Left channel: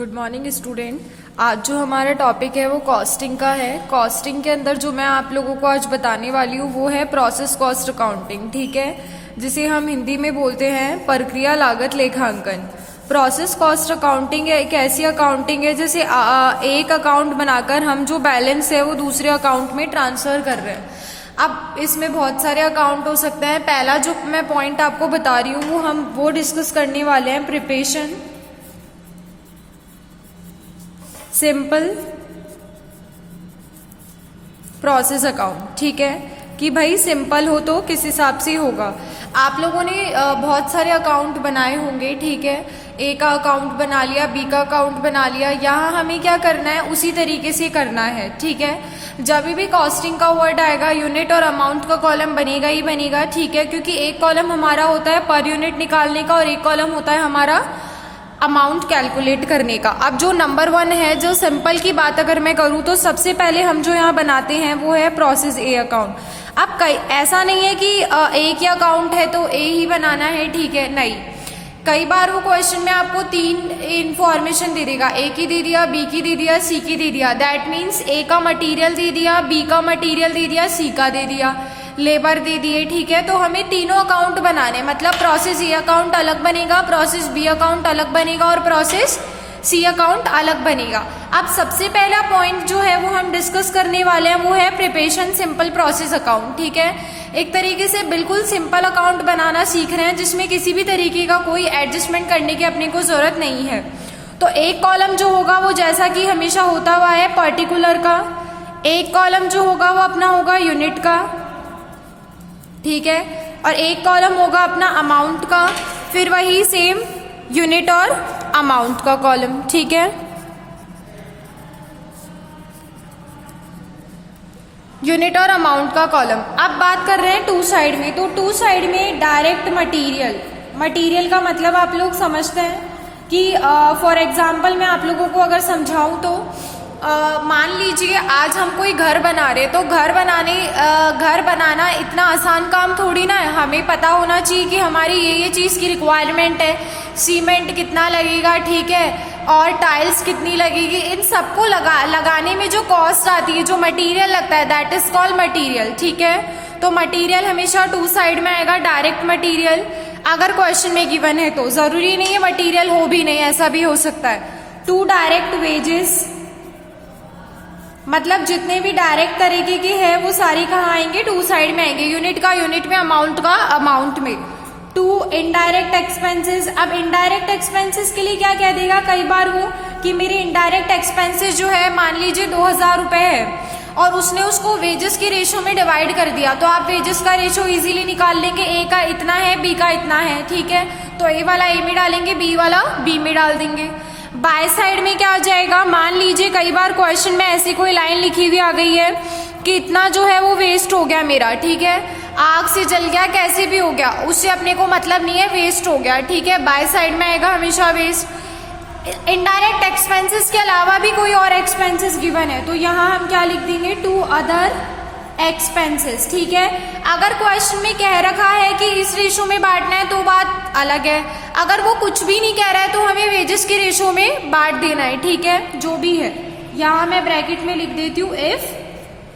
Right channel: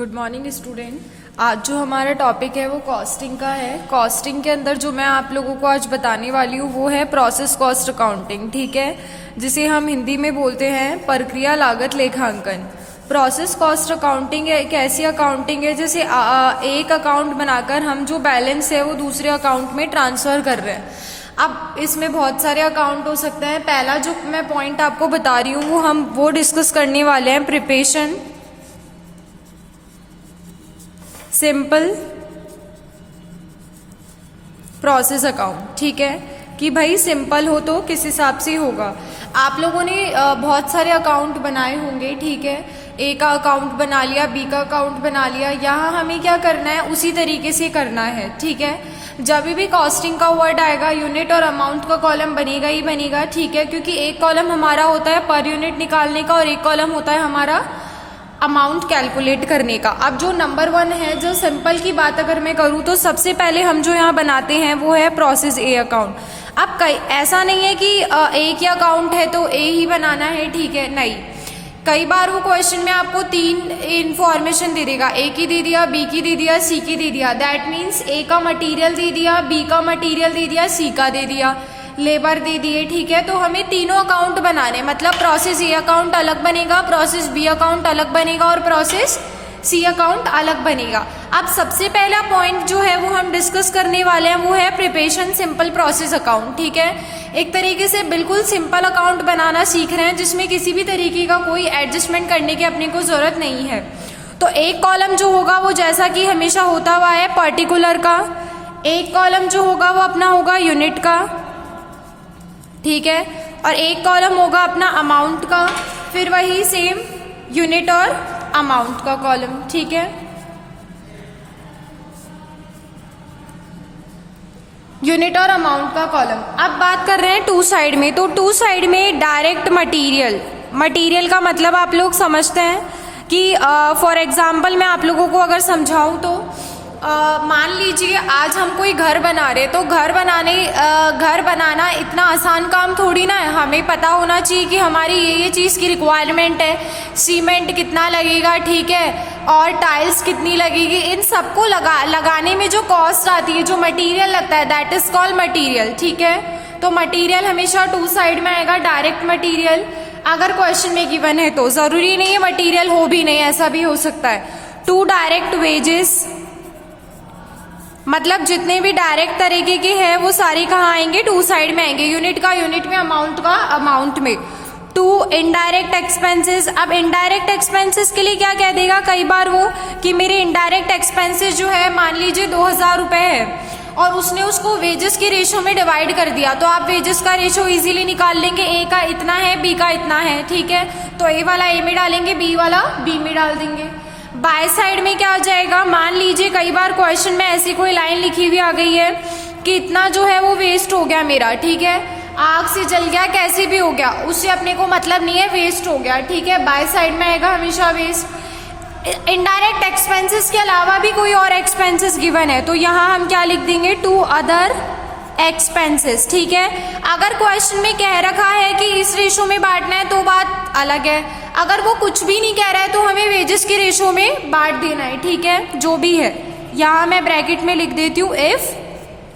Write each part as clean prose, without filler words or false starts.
Good morning student. आज जो हमारा टॉपिक है वो कॉस्टिंग का है। कॉस्टिंग के अंदर जो मैं आप लोगों को आज बताने वाली हूँ वो है प्रोसेस कॉस्ट अकाउंटिंग, ठीक है, जिसे हम हिंदी में बोलते हैं प्रक्रिया लागत लेखांकन। प्रोसेस कॉस्ट अकाउंटिंग एक ऐसी अकाउंटिंग है जैसे एक अकाउंट बनाकर हम जो बैलेंस है वो दूसरे अकाउंट में ट्रांसफर कर रहे हैं। अब इसमें बहुत सारे अकाउंट हो सकते हैं। पहला जो मैं पॉइंट आपको बता रही हूँ वो डिस्कस करने वाले हैं, प्रिपरेशन सिंपल प्रोसेस अकाउंट, ठीक है, कि भाई सिंपल हो तो किस हिसाब से होगा। आप लोगों ने बहुत सारे अकाउंट बनाए होंगे, ठीक है, ए का अकाउंट बना लिया, बी का अकाउंट बना लिया। यहाँ हमें क्या करना है उसी तरीके से करना है, ठीक है। जब भी कॉस्टिंग का वर्ड आएगा यूनिट और अमाउंट का कॉलम बनेगा ही बनेगा, ठीक है, क्योंकि एक कॉलम हमारा होता है पर यूनिट निकालने का और एक कॉलम होता है हमारा अमाउंट कैलकुलेट करने का। अब जो नंबर 1 है, जो सिंपल की बात अगर मैं करूँ तो सबसे पहले हम जो यहाँ बनाते हैं वो है प्रोसेस ए अकाउंट। अब ऐसा नहीं है कि एक ही अकाउंट है तो ए ही बनाना है, ठीक है, नहीं। कई बार वो क्वेश्चन में आपको 3 इंफॉर्मेशन दे देगा, ए की दे दिया, बी की दे दिया, सी की दे दिया। दैट मीन्स ए का मटेरियल दे दिया, बी का मटेरियल दे दिया, सी का दे दिया, लेबर दे दिए, ठीक है। तो हमें तीनों अकाउंट बनाने, मतलब प्रोसेस ए अकाउंट अलग बनेगा, प्रोसेस बी अकाउंट अलग बनेगा और प्रोसेस सी अकाउंट अलग बनेगा। अब सबसे पहला पॉइंट जो है वो हम डिस्कस करने वाले हैं वो है प्रिपरेशन सिंपल प्रोसेस अकाउंट, ठीक है। एक तरीके से बिल्कुल सिंपल अकाउंट बनाना सीख रहे हैं जिसमें किसी भी तरीके का कोई एडजस्टमेंट करने की अपने को जरूरत नहीं है। तो एक कॉलम जो होगा वो जैसा कि हमेशा होता हुआ है पर्टिकुलर का, एक कॉलम जो होगा वो अपना होगा यूनिट का, ठीक है, और एक कॉलम होगा अपना अमाउंट का, फिर वही सेम यूनिट और अमाउंट का कॉलम, ठीक है। यूनिट और अमाउंट का कॉलम। अब बात कर रहे हैं टू साइड में, तो टू साइड में डायरेक्ट मटेरियल का मतलब आप लोग समझते हैं कि फॉर एग्जाम्पल मैं आप लोगों को अगर समझाऊं तो मान लीजिए आज हम कोई घर बना रहे, तो घर बनाना इतना आसान काम थोड़ी ना है। हमें पता होना चाहिए कि हमारी ये चीज की रिक्वायरमेंट है, सीमेंट कितना लगेगा, ठीक है, और टाइल्स कितनी लगेगी। इन सबको लगाने में जो कॉस्ट आती है, जो मटेरियल लगता है, दैट इज कॉल्ड मटेरियल, ठीक है। तो मटेरियल हमेशा टू साइड में आएगा, डायरेक्ट मटेरियल। अगर क्वेश्चन में गिवन है तो जरूरी नहीं है मटेरियल हो भी नहीं, ऐसा भी हो सकता है। टू डायरेक्ट वेजेस, मतलब जितने भी डायरेक्ट तरीके के हैं वो सारे कहाँ आएंगे, टू साइड में आएंगे, यूनिट का यूनिट में, अमाउंट का अमाउंट में। To indirect expenses. अब इनडायरेक्ट एक्सपेंसेस के लिए क्या कह देगा कई बार वो कि मेरे इनडायरेक्ट एक्सपेंसेस जो है मान लीजिए 2000 रुपए है और उसने उसको वेजेस के रेशो में डिवाइड कर दिया, तो आप वेजेस का रेशो इजीली निकाल लेंगे। ए का इतना है, बी का इतना है, ठीक है, तो ए वाला ए में डालेंगे, बी वाला बी में डाल देंगे। बाय साइड में क्या आ जाएगा, मान लीजिए कई बार क्वेश्चन में ऐसी कोई लाइन लिखी हुई आ गई है कि इतना जो है वो वेस्ट हो गया मेरा, ठीक है, आग से जल गया, कैसे भी हो गया, उससे अपने को मतलब नहीं है, वेस्ट हो गया, ठीक है। बाय साइड में आएगा हमेशा वेस्ट। इनडायरेक्ट एक्सपेंसेस के अलावा भी कोई और एक्सपेंसेस गिवन है तो यहाँ हम क्या लिख देंगे, टू अदर एक्सपेंसेस, ठीक है। अगर क्वेश्चन में कह रखा है कि इस रेशो में बांटना है तो बात अलग है, अगर वो कुछ भी नहीं कह रहा है तो हमें वेजेस के रेशो में बांट देना है, ठीक है, जो भी है। यहाँ मैं ब्रैकेट में लिख देती हूँ इफ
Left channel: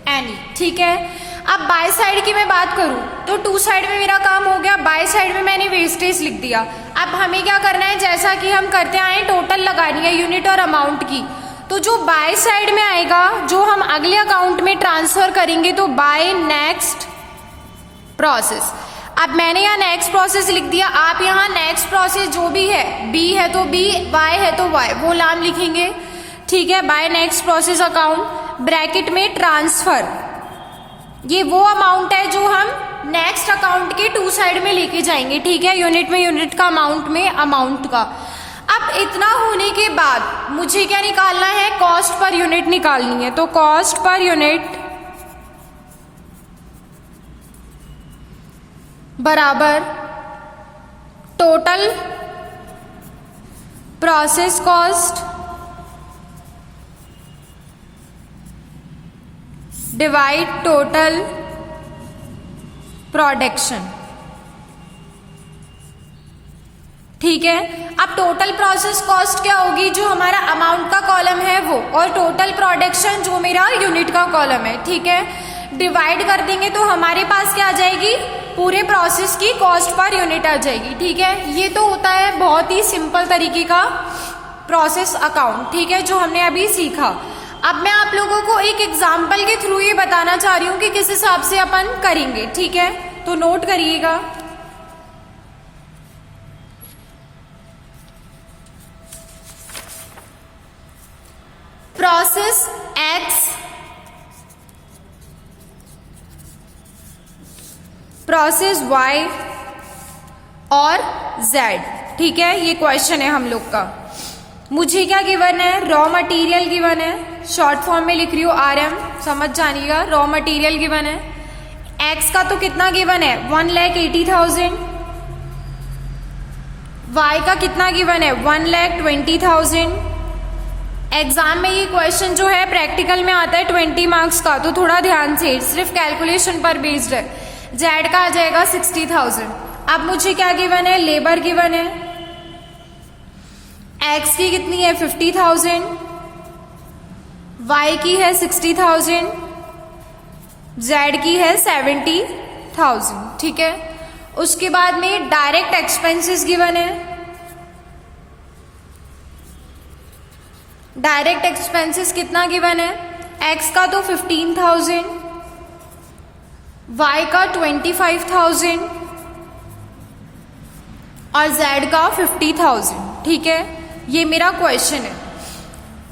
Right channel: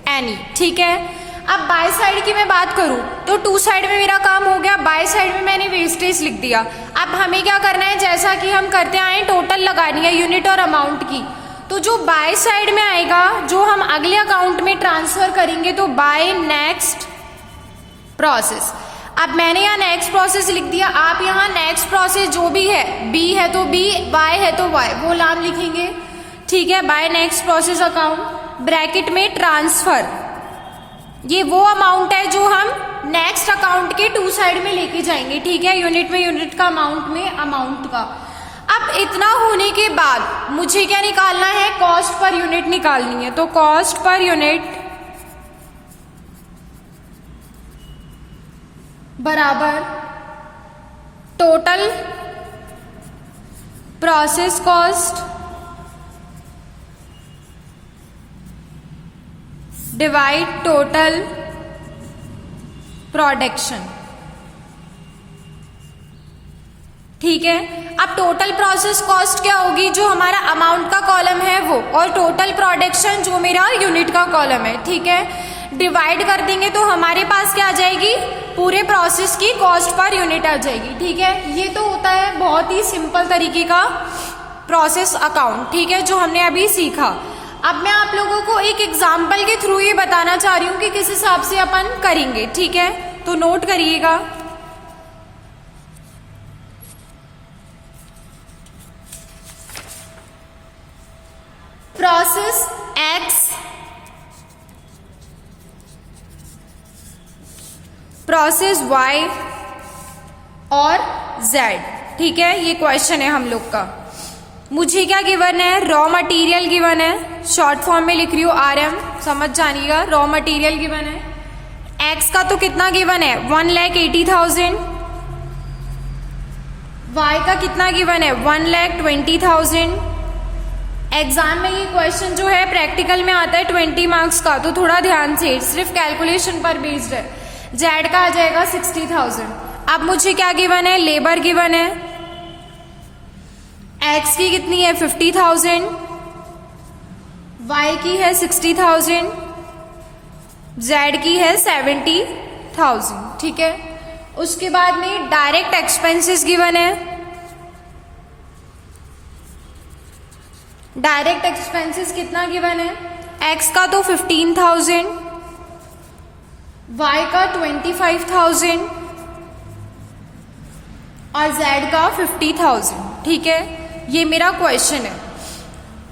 एनी, ठीक है। अब बाय साइड की मैं बात करूं तो टू साइड में मेरा काम हो गया, बाय साइड में मैंने वेस्टेज लिख दिया। अब हमें क्या करना है, जैसा कि हम करते आए, टोटल लगानी है यूनिट और अमाउंट की। तो जो बाय साइड में आएगा जो हम अगले अकाउंट में ट्रांसफर करेंगे तो बाय नेक्स्ट प्रोसेस। अब मैंने यहाँ नेक्स्ट प्रोसेस लिख दिया, आप यहाँ नेक्स्ट प्रोसेस जो भी है, बी है तो बी, वाई है तो वाई, वो नाम लिखेंगे, ठीक है। By next process account, bracket में ट्रांसफर, ये वो अमाउंट है जो हम नेक्स्ट अकाउंट के टू साइड में लेके जाएंगे, ठीक है, यूनिट में यूनिट का, अमाउंट में अमाउंट का। अब इतना होने के बाद मुझे क्या निकालना है, कॉस्ट पर यूनिट निकालनी है। तो कॉस्ट पर यूनिट बराबर total process cost divide total production. ठीक है। अब टोटल प्रोसेस कॉस्ट क्या होगी, जो हमारा अमाउंट का कॉलम है वो, और टोटल प्रोडक्शन जो मेरा यूनिट का कॉलम है, ठीक है। डिवाइड कर देंगे तो हमारे पास क्या आ जाएगी, पूरे प्रोसेस की कॉस्ट पर यूनिट आ जाएगी, ठीक है। ये तो होता है बहुत ही सिंपल तरीके का प्रोसेस अकाउंट, ठीक है, जो हमने अभी सीखा। अब मैं आप लोगों को एक एग्जाम्पल के थ्रू ये बताना चाह रही हूं कि किस हिसाब से अपन करेंगे, ठीक है, तो नोट करिएगा। प्रोसेस एक्स, प्रोसेस वाई और जेड, ठीक है, ये क्वेश्चन है हम लोग का। मुझे क्या गिवन है, रॉ मटेरियल गिवन है, शॉर्ट फॉर्म में लिख रही हूँ RM, समझ जानिएगा, रॉ मटेरियल गिवन है। एक्स का तो कितना गिवन है, 1,80,000। वाई का कितना गिवन है, 1,20,000। एग्जाम में ये क्वेश्चन जो है प्रैक्टिकल में आता है 20 मार्क्स का, तो थोड़ा ध्यान से, सिर्फ कैलकुलेशन पर बेस्ड है। जेड का आ जाएगा 60,000। अब मुझे क्या गिवन है, लेबर गिवन है, एक्स की कितनी है 50,000, वाई की है 60,000, जेड की है 70,000, ठीक है। उसके बाद में डायरेक्ट एक्सपेंसेस गिवन है। डायरेक्ट एक्सपेंसेस कितना गिवन है, एक्स का तो 15,000, वाई का 25,000 और जेड का 50,000, ठीक है। ये मेरा क्वेश्चन है।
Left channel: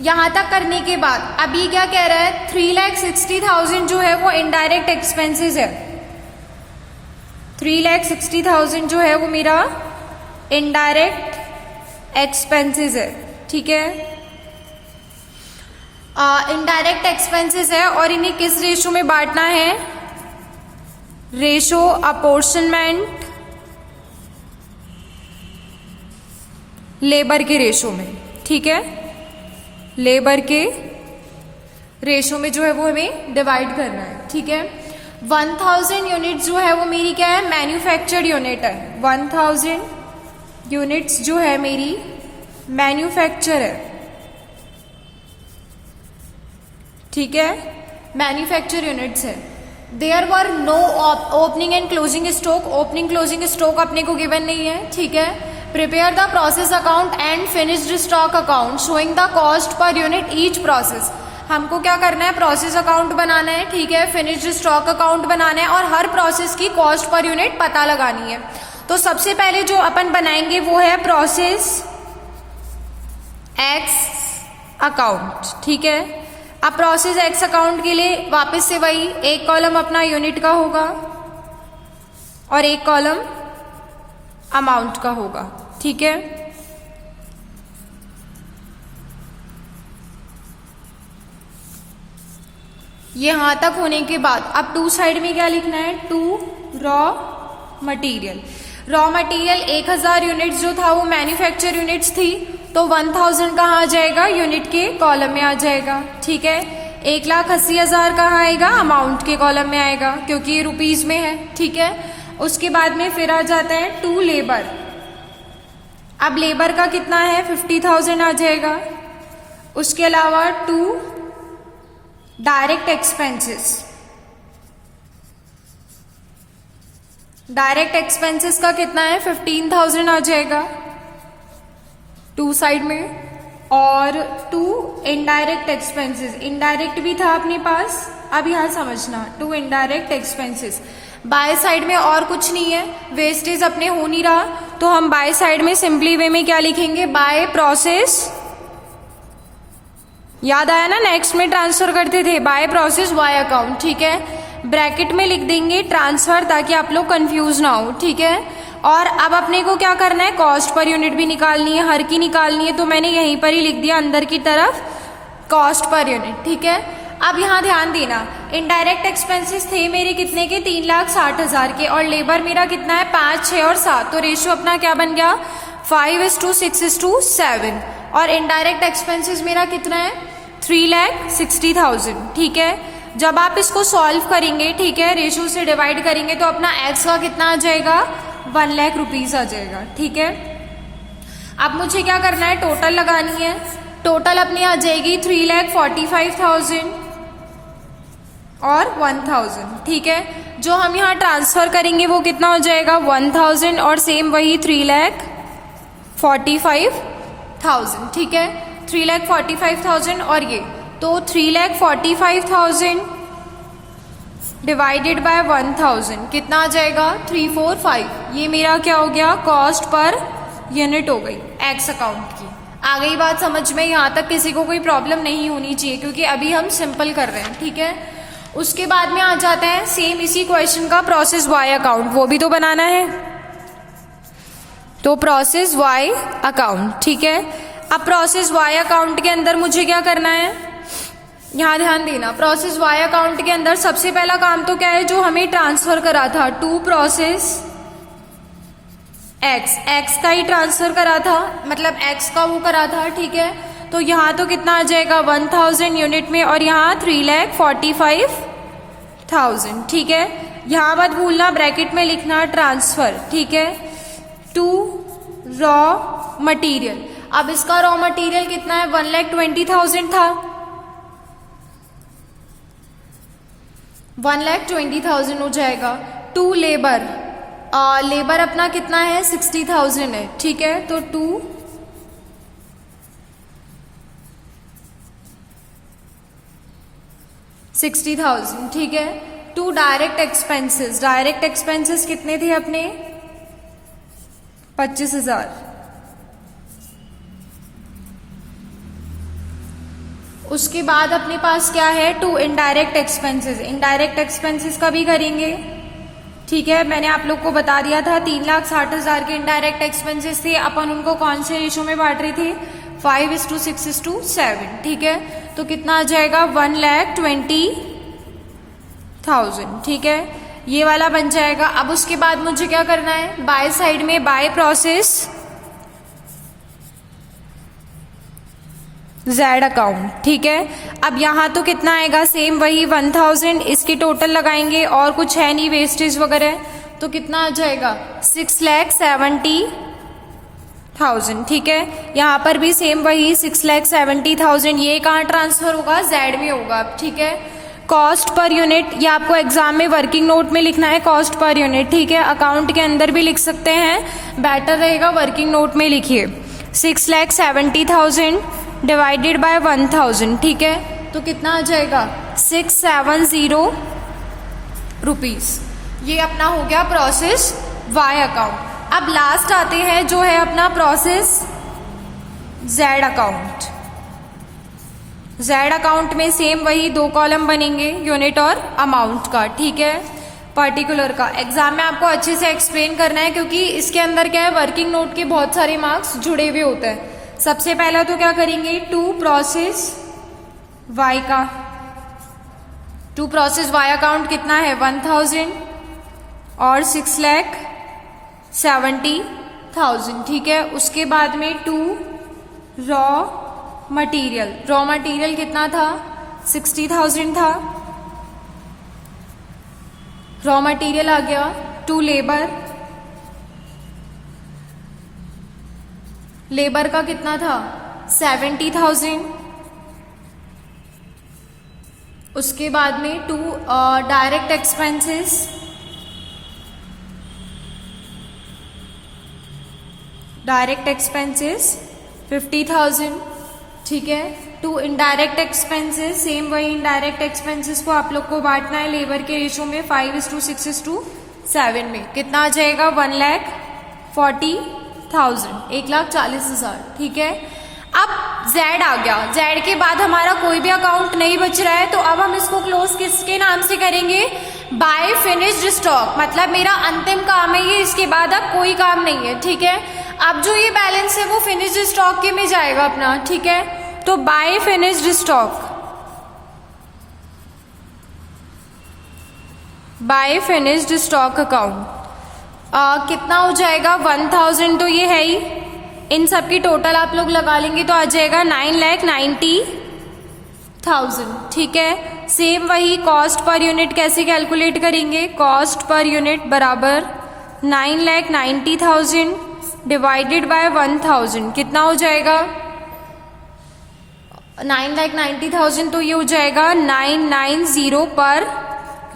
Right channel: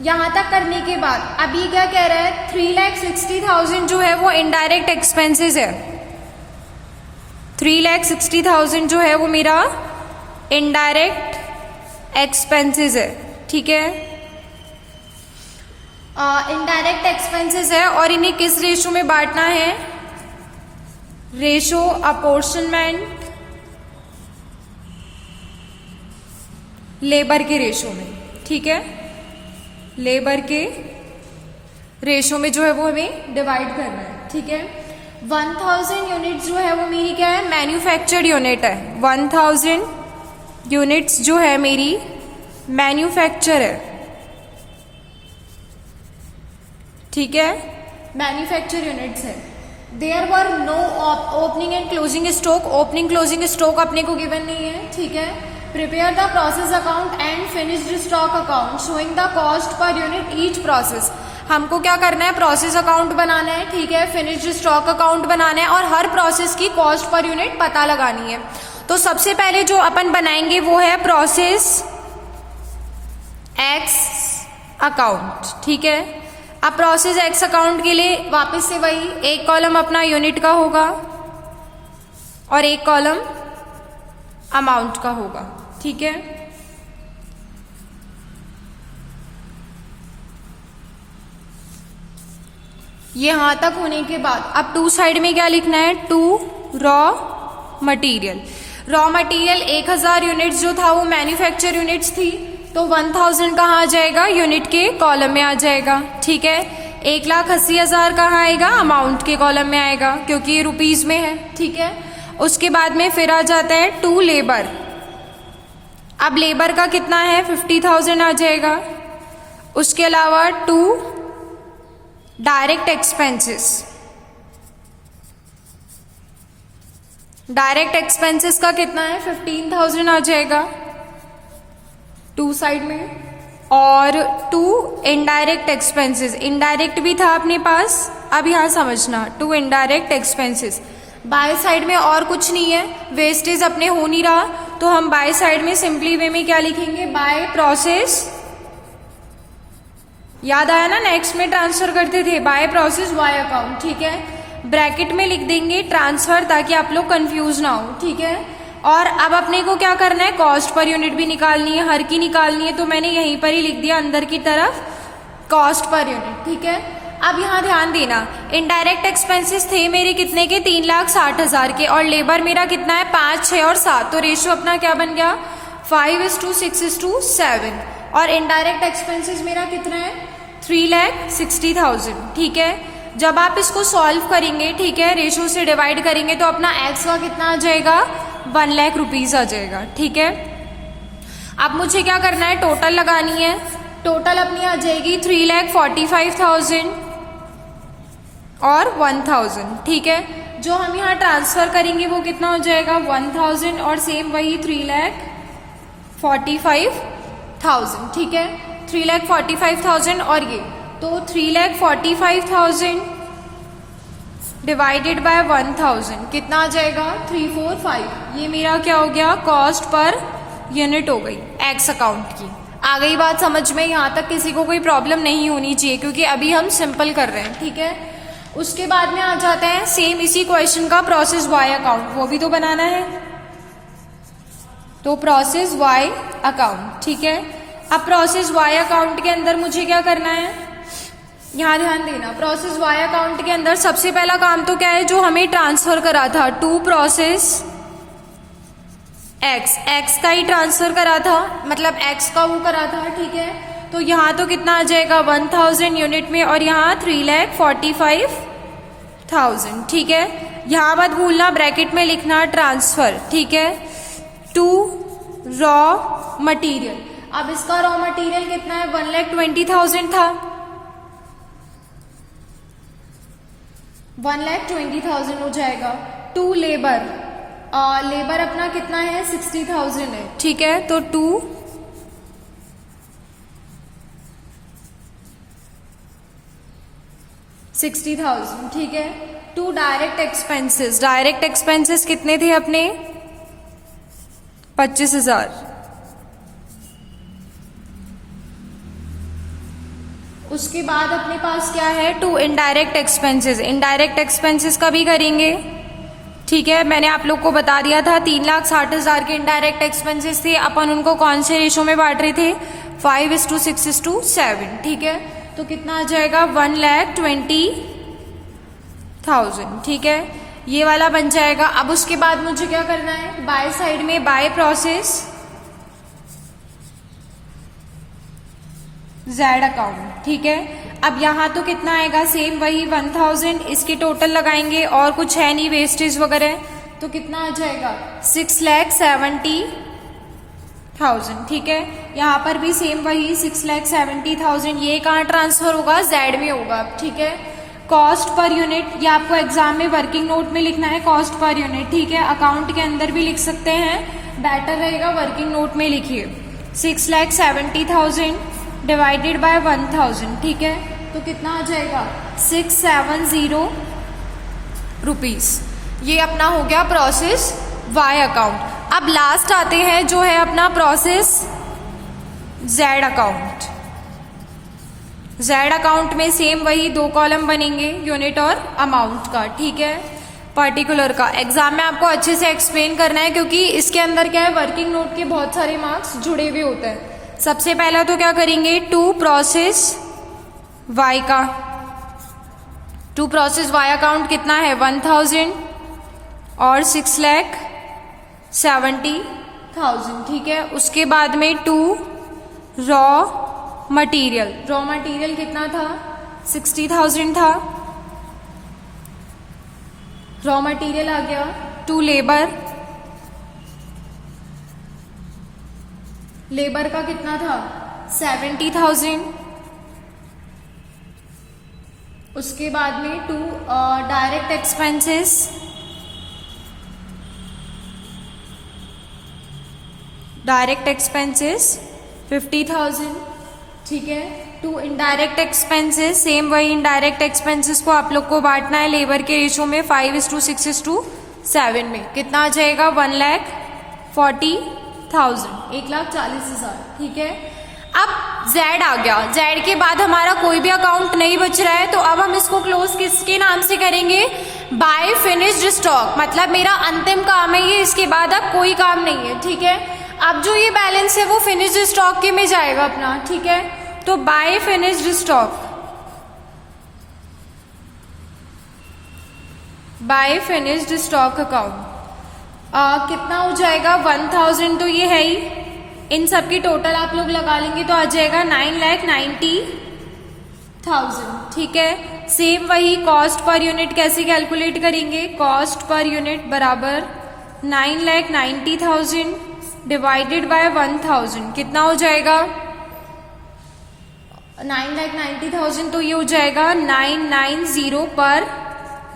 यहां तक करने के बाद अभी क्या कह रहा है, 3,60,000 जो है वो इनडायरेक्ट एक्सपेंसेस है। 3,60,000 जो है वो मेरा इनडायरेक्ट एक्सपेंसेस है, ठीक है। इनडायरेक्ट एक्सपेंसेस है और इन्हें किस रेशो में बांटना है, रेशो अपोर्शनमेंट लेबर के रेशो में, ठीक है, लेबर के रेशो में जो है वो हमें डिवाइड करना है, ठीक है। 1,000 यूनिट जो है वो मेरी क्या है, मैन्युफैक्चर्ड यूनिट है। 1,000 यूनिट्स जो है मेरी मैन्युफैक्चर है, ठीक है, मैन्युफैक्चर यूनिट्स है। There were no opening and closing stock, opening closing stock अपने को गिवन नहीं है, ठीक है। Prepare the process account and finished stock account showing the cost per unit each process. हमको क्या करना है, प्रोसेस अकाउंट बनाना है, ठीक है, फिनिश्ड स्टॉक अकाउंट बनाना है और हर प्रोसेस की कॉस्ट पर यूनिट पता लगानी है। तो सबसे पहले जो अपन बनाएंगे वो है प्रोसेस एक्स अकाउंट, ठीक है। अब प्रोसेस एक्स अकाउंट के लिए वापस से वही, एक कॉलम अपना यूनिट का होगा और एक कॉलम अमाउंट का होगा, ठीक है। ये यहां तक होने के बाद अब टू साइड में क्या लिखना है, to raw material. Raw material 1,000 units जो था वो मैन्युफैक्चर यूनिट्स थी, तो 1,000 कहाँ आ जाएगा, यूनिट के कॉलम में आ जाएगा, ठीक है। 1,80,000 कहाँ आएगा, अमाउंट के कॉलम में आएगा, क्योंकि ये रुपीज में है, ठीक है। उसके बाद में फिर आ जाता है टू लेबर। अब लेबर का कितना है, 50,000 आ जाएगा। उसके अलावा to direct expenses, direct expenses का कितना है, 15,000 आ जाएगा टू साइड में। और टू इनडायरेक्ट एक्सपेंसेस, इनडायरेक्ट भी था अपने पास, अब यहां समझना, to indirect expenses. By side में और कुछ नहीं है, वेस्टेज अपने हो नहीं रहा, तो हम बाय साइड में सिंपली वे में क्या लिखेंगे, बाय प्रोसेस। याद आया ना, नेक्स्ट में ट्रांसफर करते थे, बाय प्रोसेस वाई अकाउंट, ठीक है। ब्रैकेट में लिख देंगे ट्रांसफर, ताकि आप लोग कंफ्यूज ना हो, ठीक है। और अब अपने को क्या करना है, कॉस्ट पर यूनिट भी निकालनी है, हर की निकालनी है, तो मैंने यहीं पर ही लिख दिया अंदर की तरफ कॉस्ट पर यूनिट, ठीक है। अब यहाँ ध्यान देना, इनडायरेक्ट एक्सपेंसेस थे मेरे कितने के, 3,60,000 के, और लेबर मेरा कितना है, 5, 6 और 7, तो रेशियो अपना क्या बन गया, 5:6:7। और इनडायरेक्ट एक्सपेंसेस मेरा कितना है, 3,60,000, ठीक है। जब आप इसको सॉल्व करेंगे, ठीक है, रेशियो से डिवाइड करेंगे, तो अपना एक्स का कितना आ जाएगा, 1,00,000 रुपीज आ जाएगा, ठीक है। अब मुझे क्या करना है, टोटल लगानी है। टोटल अपनी आ जाएगी 3,45,000 और 1,000, ठीक है। जो हम यहाँ ट्रांसफर करेंगे वो कितना हो जाएगा, 1,000 और सेम वही 3,45,000, ठीक है। 3,45,000 और ये तो 3,45,000 डिवाइडेड बाय 1,000 कितना आ जाएगा, 345। ये मेरा क्या हो गया, कॉस्ट पर यूनिट हो गई एक्स अकाउंट की। आ गई बात समझ में, यहाँ तक किसी को कोई प्रॉब्लम नहीं होनी चाहिए क्योंकि अभी हम सिंपल कर रहे हैं, ठीक है। उसके बाद में आ जाते हैं सेम इसी क्वेश्चन का प्रोसेस वाई अकाउंट, वो भी तो बनाना है। तो प्रोसेस वाई अकाउंट, ठीक है। अब प्रोसेस वाई अकाउंट के अंदर मुझे क्या करना है, यहां ध्यान देना। प्रोसेस वाई अकाउंट के अंदर सबसे पहला काम तो क्या है, जो हमें ट्रांसफर करा था टू प्रोसेस एक्स का ही ट्रांसफर करा था, मतलब एक्स का वो करा था, ठीक है। तो यहाँ तो कितना आ जाएगा 1,000 यूनिट में और यहाँ 3,45,000, ठीक है। यहाँ मत भूलना ब्रैकेट में लिखना ट्रांसफर, ठीक है, टू रॉ मटेरियल। अब इसका रॉ मटेरियल कितना है, 1,20,000 था, 1,20,000 हो जाएगा। टू लेबर, लेबर अपना कितना है 60,000 है, ठीक है। तो 60,000, ठीक है। To direct expenses, direct expenses कितने थे अपने, 25,000। उसके बाद अपने पास क्या है, to indirect expenses, indirect expenses का भी करेंगे, ठीक है। मैंने आप लोग को बता दिया था 3,60,000 के इनडायरेक्ट एक्सपेंसेस थे, अपन उनको कौन से रेशो में बांट रहे थे, 5:6:7, ठीक है। तो कितना आ जाएगा 1,20,000, ठीक है। ये वाला बन जाएगा। अब उसके बाद मुझे क्या करना है, बाय साइड में बाय प्रोसेस जेड अकाउंट, ठीक है। अब यहाँ तो कितना आएगा, सेम वही 1,000, इसकी टोटल लगाएंगे और कुछ है नहीं वेस्टेज वगैरह, तो कितना आ जाएगा 6,70,000, ठीक है। यहाँ पर भी सेम वही 6,70,000। ये कहाँ ट्रांसफर होगा, जेड में होगा, ठीक है। कॉस्ट पर यूनिट, ये आपको एग्जाम में वर्किंग नोट में लिखना है, कॉस्ट पर यूनिट, ठीक है। अकाउंट के अंदर भी लिख सकते हैं, बेटर रहेगा वर्किंग नोट में लिखिए। 6,70,000 डिवाइडेड बाय 1,000, ठीक है। तो कितना आ जाएगा 670 रुपीज। ये अपना हो गया प्रोसेस वाई अकाउंट। अब लास्ट आते हैं जो है अपना process Z account. Z account में सेम वही दो कॉलम बनेंगे, यूनिट और अमाउंट का, ठीक है, पर्टिकुलर का। एग्जाम में आपको अच्छे से एक्सप्लेन करना है क्योंकि इसके अंदर क्या है, वर्किंग नोट के बहुत सारे मार्क्स जुड़े हुए होते हैं। सबसे पहला तो क्या करेंगे, टू प्रोसेस वाई का, टू प्रोसेस वाई अकाउंट कितना है 1,000 और 6,70,000, ठीक है। उसके बाद में to raw material, raw material कितना था 60,000 था, रॉ मटेरियल आ गया। टू लेबर, लेबर का कितना था 70,000। उसके बाद में to direct expenses, direct expenses 50,000, ठीक है। टू इनडायरेक्ट एक्सपेंसेस, सेम वही इनडायरेक्ट एक्सपेंसेस को आप लोग को बांटना है लेबर के रेशो में 5:6:7 में। कितना आ जाएगा 1,40,000, 1,40,000, ठीक है। अब जेड आ गया, जेड के बाद हमारा कोई भी अकाउंट नहीं बच रहा है, तो अब हम इसको क्लोज किसके नाम से करेंगे, बाय फिनिश्ड स्टॉक। मतलब मेरा अंतिम काम है ये, इसके बाद अब कोई काम नहीं है, ठीक है। अब जो ये बैलेंस है वो फिनिश्ड स्टॉक के में जाएगा अपना, ठीक है। तो by finished stock, by finished stock account कितना हो जाएगा 1,000, तो ये है ही। इन सब की टोटल आप लोग लगा लेंगे तो आ जाएगा 9,90,000, ठीक है। सेम वही कॉस्ट पर यूनिट कैसे कैलकुलेट करेंगे, कॉस्ट पर यूनिट बराबर 9,90,000 डिवाइडेड बाय 1000 कितना हो जाएगा? 9,90,000, तो ये हो जाएगा 990 पर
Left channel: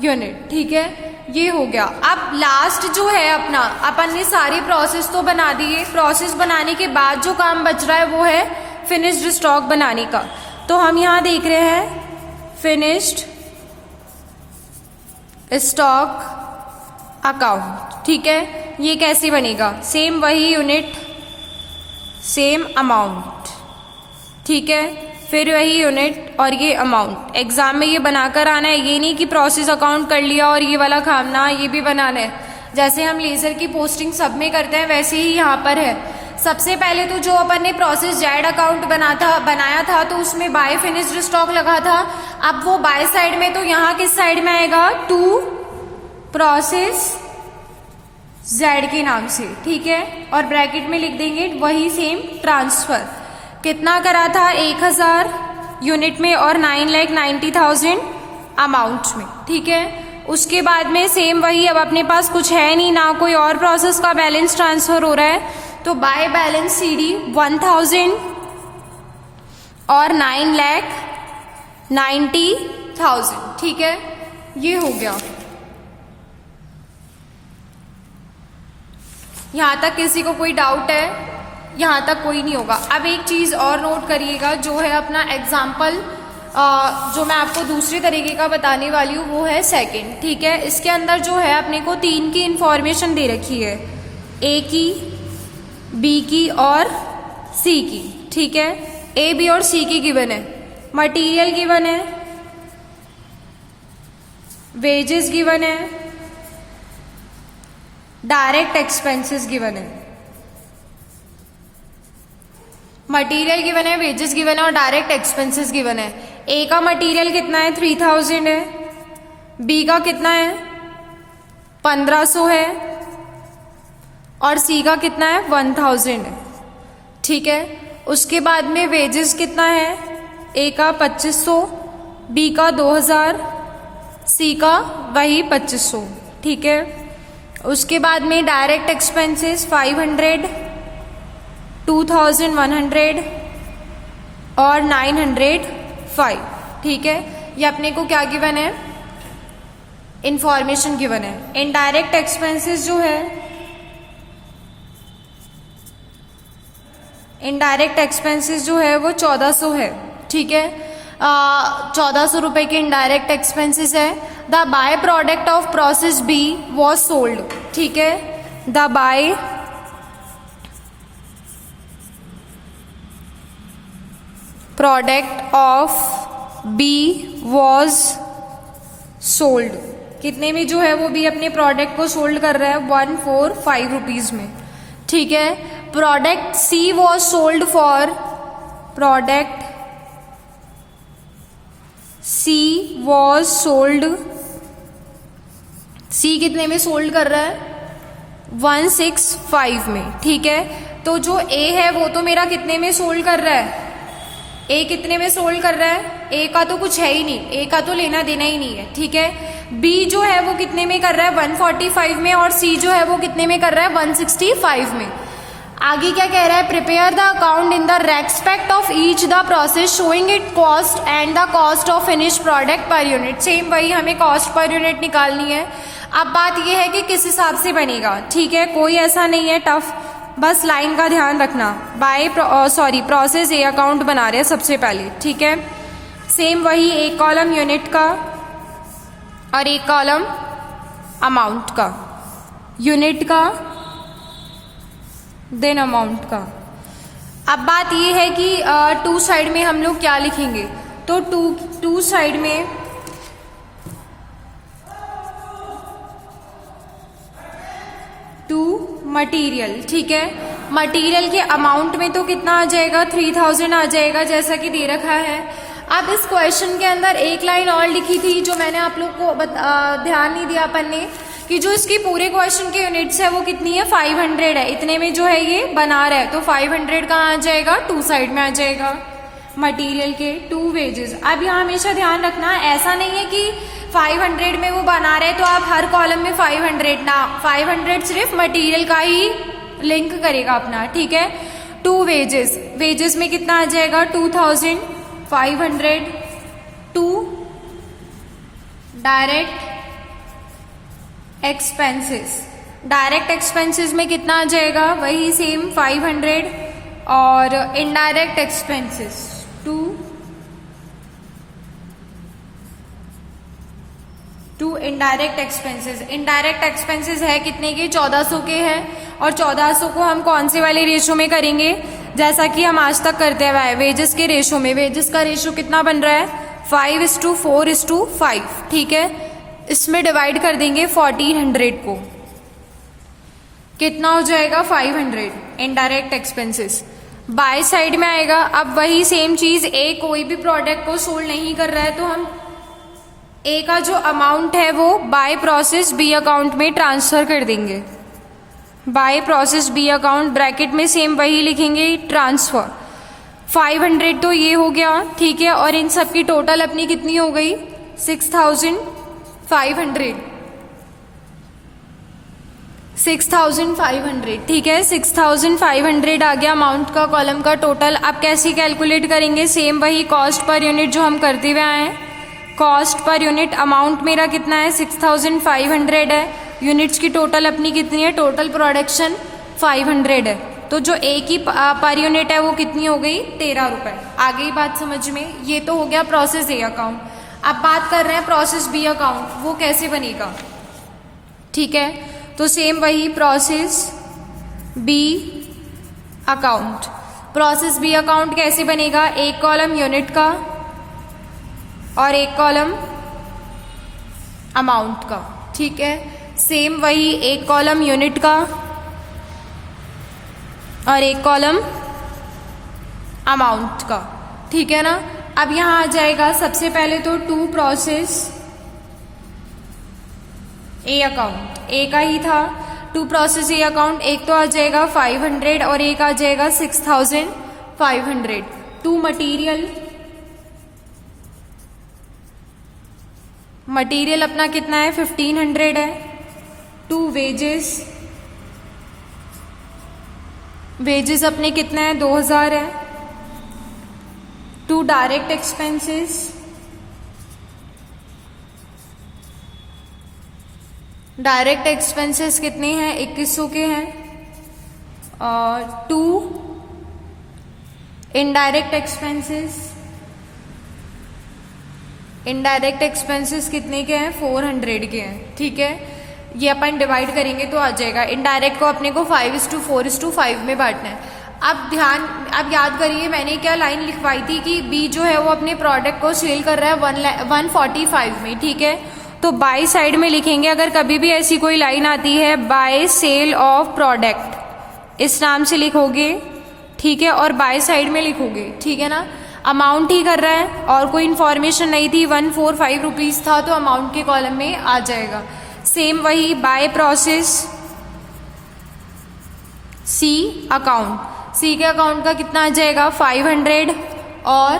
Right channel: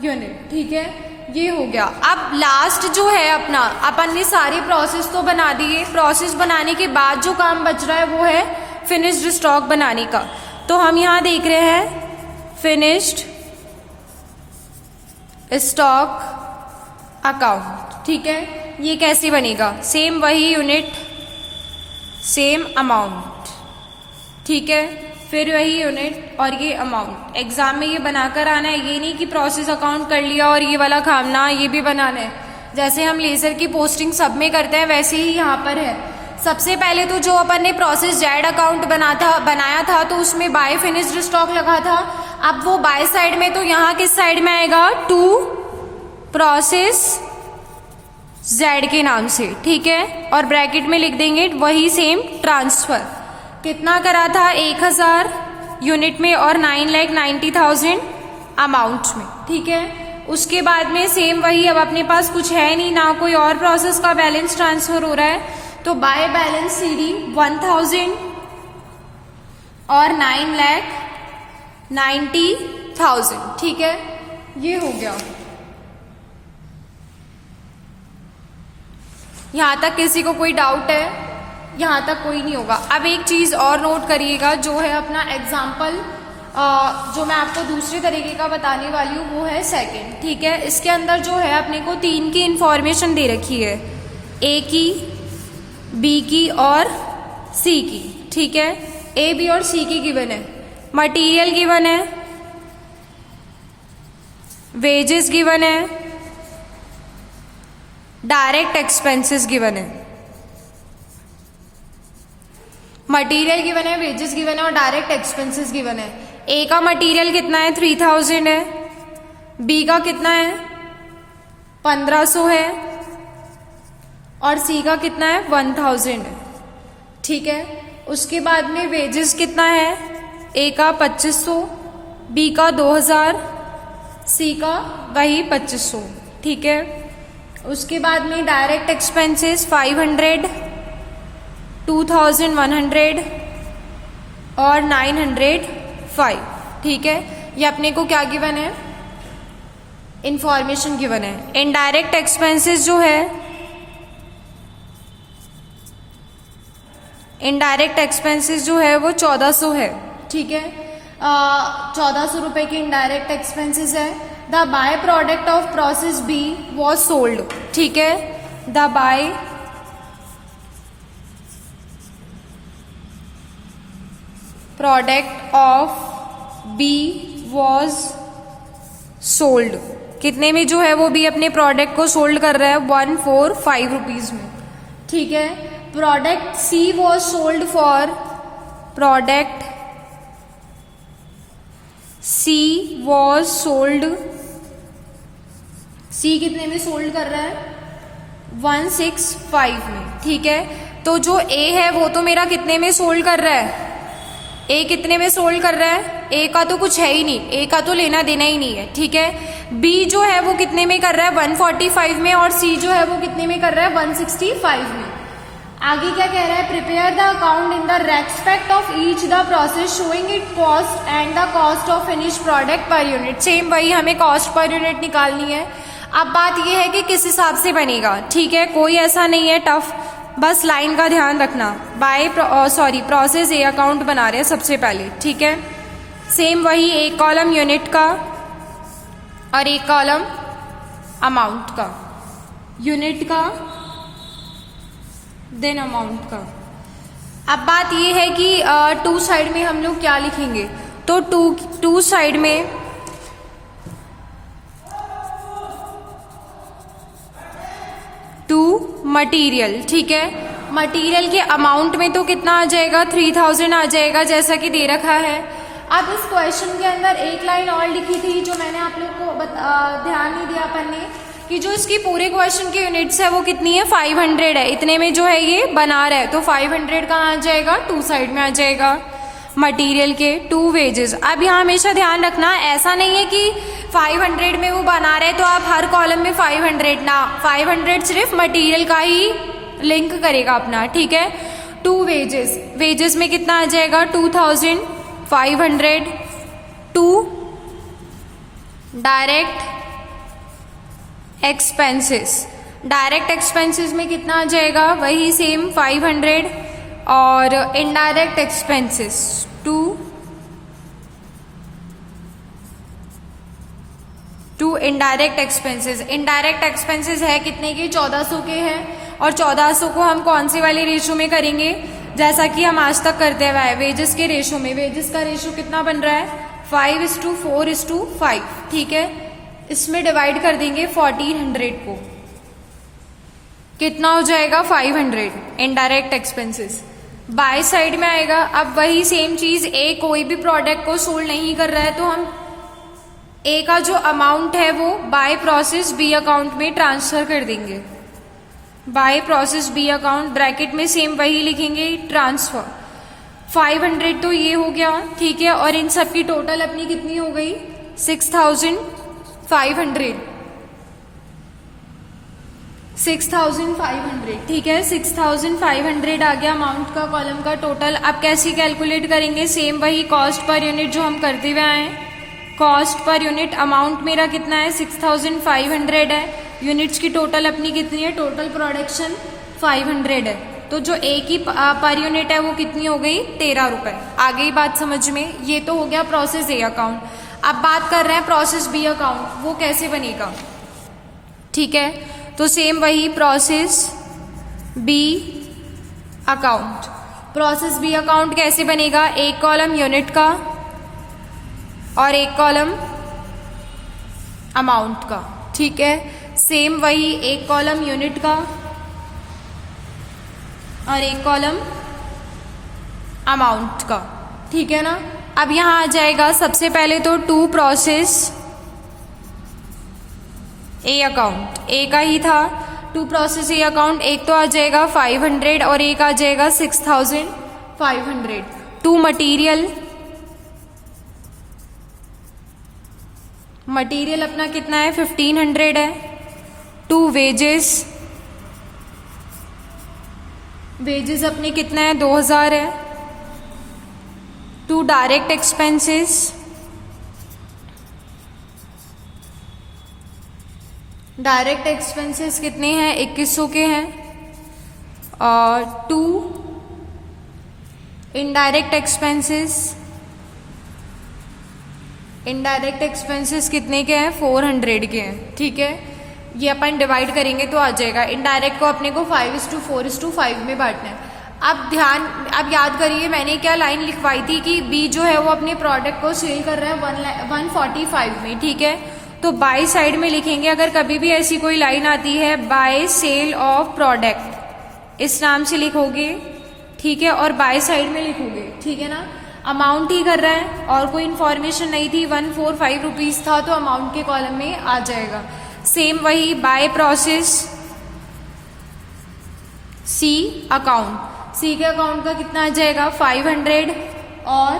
यूनिट। ठीक है, ये हो गया। अब लास्ट जो है अपना, अपन ने सारी प्रोसेस तो बना दिए। प्रोसेस बनाने के बाद जो काम बच रहा है वो है फिनिश्ड स्टॉक बनाने का। तो हम यहां देख रहे हैं फिनिश्ड स्टॉक अकाउंट। ठीक है, ये कैसे बनेगा? सेम वही यूनिट, सेम अमाउंट। ठीक है, फिर वही यूनिट और ये अमाउंट। एग्जाम में ये बनाकर आना है, ये नहीं कि प्रोसेस अकाउंट कर लिया और ये वाला काम ना, ये भी बनाना है। जैसे हम लेजर की पोस्टिंग सब में करते हैं वैसे ही यहाँ पर है। सबसे पहले तो जो अपन ने प्रोसेस जेड अकाउंट बनाया था तो उसमें बाय फिनिश्ड स्टॉक लगा था। अब वो बाय साइड में, तो यहाँ किस साइड में आएगा? टू प्रोसेस जेड के नाम से। ठीक है, और ब्रैकेट में लिख देंगे वही सेम ट्रांसफर। कितना करा था? 1000 यूनिट में और 9,90,000 अमाउंट में। ठीक है, उसके बाद में सेम वही, अब अपने पास कुछ है नहीं ना, कोई और प्रोसेस का बैलेंस ट्रांसफर हो रहा है, तो बाय बैलेंस सीडी 1000 और 9,90,000। ठीक है, ये हो गया। यहां तक किसी को कोई डाउट है? यहां तक कोई नहीं होगा। अब एक चीज और नोट करिएगा, जो है अपना एग्जाम्पल जो मैं आपको दूसरे तरीके का बताने वाली हूँ वो है सेकंड। ठीक है, इसके अंदर जो है अपने को 3 की इंफॉर्मेशन दे रखी है, ए की, बी की और सी की। ठीक है, ए, बी और सी की गिवन है। मटेरियल गिवन है, वेजेस गिवन है, डायरेक्ट एक्सपेंसेस गिवन है। मटेरियल गिवन है, वेजेस गिवन है और डायरेक्ट एक्सपेंसेस गिवन है। ए का मटेरियल कितना है? 3000 है। बी का कितना है? 1500 है। और सी का कितना है? 1000 है। ठीक है, उसके बाद में वेजेस कितना है? ए का 2500, बी का 2000, सी का वही 2500। ठीक है, उसके बाद में डायरेक्ट एक्सपेंसेस 500, 2100 और 905। ठीक है, ये अपने को क्या गिवन है? इंफॉर्मेशन गिवन है। इनडायरेक्ट एक्सपेंसेस जो है, इनडायरेक्ट एक्सपेंसेस जो है वो 1400 है। ठीक है, 1400 रुपए के इनडायरेक्ट एक्सपेंसेस है। The by product of process B was sold. ठीक है, the by product of B was sold. कितने में जो है वो बी अपने प्रोडक्ट को सोल्ड कर रहा है? 145 रुपीज में। ठीक है, product C was sold for, product C was sold, C कितने में सोल्ड कर रहा है? 165 में। ठीक है, तो जो ए है वो तो मेरा कितने में सोल्ड कर रहा है? ए कितने में सोल्ड कर रहा है? ए का तो कुछ है ही नहीं, ए का तो लेना देना ही नहीं है। ठीक है, बी जो है वो कितने में कर रहा है? 145 में। और सी जो है वो कितने में कर रहा है? 165 में। आगे क्या कह रहा है? Prepare the account in the respect of each the process showing it cost and the cost of finish product per unit. Same वही, हमें कॉस्ट पर यूनिट निकालनी है। अब बात यह है कि किस हिसाब से बनेगा। ठीक है, कोई ऐसा नहीं है टफ, बस लाइन का ध्यान रखना। बाय प्रोसेस ए अकाउंट बना रहे हैं सबसे पहले। ठीक है, सेम वही, एक कॉलम यूनिट का और एक कॉलम अमाउंट का, यूनिट का देन अमाउंट का। अब बात यह है कि टू साइड में हम लोग क्या लिखेंगे? तो टू साइड में टू मटेरियल। ठीक है, मटेरियल के अमाउंट में तो कितना आ जाएगा? 3000 आ जाएगा, जैसा कि दे रखा है। अब इस क्वेश्चन के अंदर एक लाइन और लिखी थी जो मैंने आप लोग को ध्यान नहीं दिया अपन ने, कि जो इसकी पूरे क्वेश्चन के यूनिट्स है वो कितनी है? 500 है। इतने में जो है ये बना रहा है, तो 500 कहाँ आ जाएगा? टू साइड में आ जाएगा मटेरियल के। To wages. अब यहाँ हमेशा ध्यान रखना, ऐसा नहीं है कि 500 में वो बना रहे तो आप हर कॉलम में 500 ना, 500 सिर्फ मटेरियल का ही लिंक करेगा अपना, ठीक है। टू वेजेस, वेजेस में कितना आ जाएगा 2500 to direct expenses, direct expenses में कितना आ जाएगा वही सेम 500 और indirect expenses to indirect expenses, indirect expenses है कितने के 1400 के हैं और 1400 को हम कौन से वाले रेशो में करेंगे, जैसा कि हम आज तक करते हुए वेजेस के रेशो में। वेजेस का रेशो कितना बन रहा है 5:4:5, ठीक है। इसमें डिवाइड कर देंगे 1400 को, कितना हो जाएगा 500 इनडायरेक्ट एक्सपेंसेस। बाय साइड में आएगा, अब वही सेम चीज, ए कोई भी प्रोडक्ट को सोल्ड नहीं कर रहा है तो हम ए का जो अमाउंट है वो बाय प्रोसेस बी अकाउंट में ट्रांसफर कर देंगे। By process B account bracket में सेम वही लिखेंगे ट्रांसफर। 500 तो ये हो गया, ठीक है। और इन सब की टोटल अपनी कितनी हो गई 6500, 6500, ठीक है। 6500 आ गया अमाउंट का कॉलम का टोटल। अब कैसे कैलकुलेट करेंगे, सेम वही कॉस्ट पर यूनिट जो हम करते हुए आए हैं। कॉस्ट पर यूनिट अमाउंट मेरा कितना है 6500 है, यूनिट्स की टोटल अपनी कितनी है, टोटल प्रोडक्शन 500 है, तो जो ए की पर यूनिट है वो कितनी हो गई 13 रुपए। आ गई बात समझ में। ये तो हो गया प्रोसेस ए अकाउंट। अब बात कर रहे हैं प्रोसेस बी अकाउंट, वो कैसे बनेगा, ठीक है। तो सेम वही process B account, process B account कैसे बनेगा, एक कॉलम यूनिट का और एक कॉलम अमाउंट का, ठीक है। सेम वही एक कॉलम यूनिट का और एक कॉलम अमाउंट का, ठीक है ना। अब यहां आ जाएगा सबसे पहले तो टू प्रोसेस ए अकाउंट, ए का ही था टू प्रोसेस ए अकाउंट। एक तो आ जाएगा 500 और एक आ जाएगा 6500। टू मटीरियल, मटीरियल अपना कितना है 1500 है। टू वेजेस, वेजेस अपने कितना है 2000 है। To direct expenses, direct expenses कितने हैं 2100 के हैं। और to indirect expenses, indirect expenses कितने के हैं 400 के हैं, ठीक है। ये अपन डिवाइड करेंगे तो आ जाएगा। इनडायरेक्ट को अपने को 5:4:5 में बांटना है। अब याद करिए मैंने क्या लाइन लिखवाई थी कि बी जो है वो अपने प्रोडक्ट को सेल कर रहा है 145 में, ठीक है। तो बाय साइड में लिखेंगे, अगर कभी भी ऐसी कोई लाइन आती है बाय सेल ऑफ प्रोडक्ट इस नाम से लिखोगे, ठीक है, और बाय साइड में लिखोगे, ठीक है ना। अमाउंट ही कर रहा है और कोई इन्फॉर्मेशन नहीं थी, 145 रुपीज था तो अमाउंट के कॉलम में आ जाएगा। सेम वही बाय प्रोसेस सी अकाउंट, सी के अकाउंट का कितना आ जाएगा 500 और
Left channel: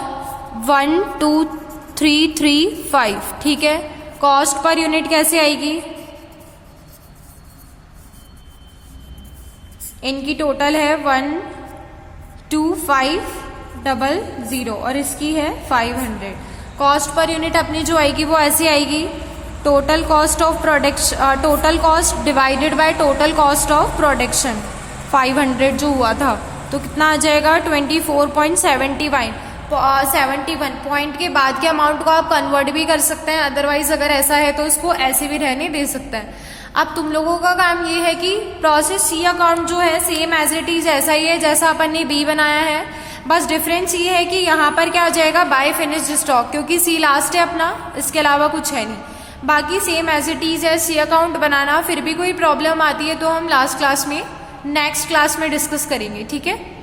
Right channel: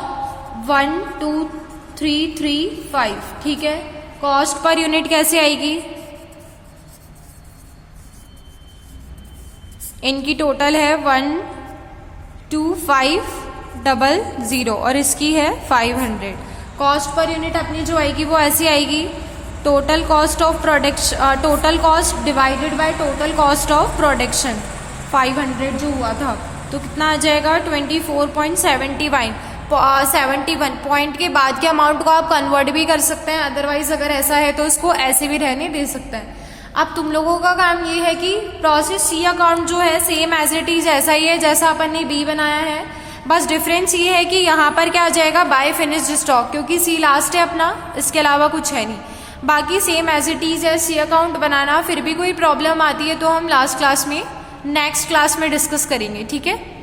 12335, ठीक है। कॉस्ट पर यूनिट कैसे आएगी, इनकी टोटल है 12500 और इसकी है 500। कॉस्ट पर यूनिट अपनी जो आएगी वो ऐसे आएगी, total cost of production, total cost divided by total cost of production 500 जो हुआ था, तो कितना आ जाएगा 24.71 पॉइंट के बाद के अमाउंट को आप कन्वर्ट भी कर सकते हैं, अदरवाइज अगर ऐसा है तो इसको ऐसे भी रहने दे सकते हैं। अब तुम लोगों का काम ये है कि प्रोसेस सी अकाउंट जो है सेम एज इट इज ऐसा ही है जैसा अपन ने बी बनाया है, बस डिफरेंस ये है कि यहाँ पर क्या आ जाएगा बाय फिनिश्ड स्टॉक, क्योंकि सी लास्ट है अपना, इसके अलावा कुछ है नहीं। बाकी सेम एज इट इज है सी अकाउंट बनाना। फिर भी कोई प्रॉब्लम आती है तो हम लास्ट क्लास में, नेक्स्ट क्लास में डिस्कस करेंगे, ठीक है।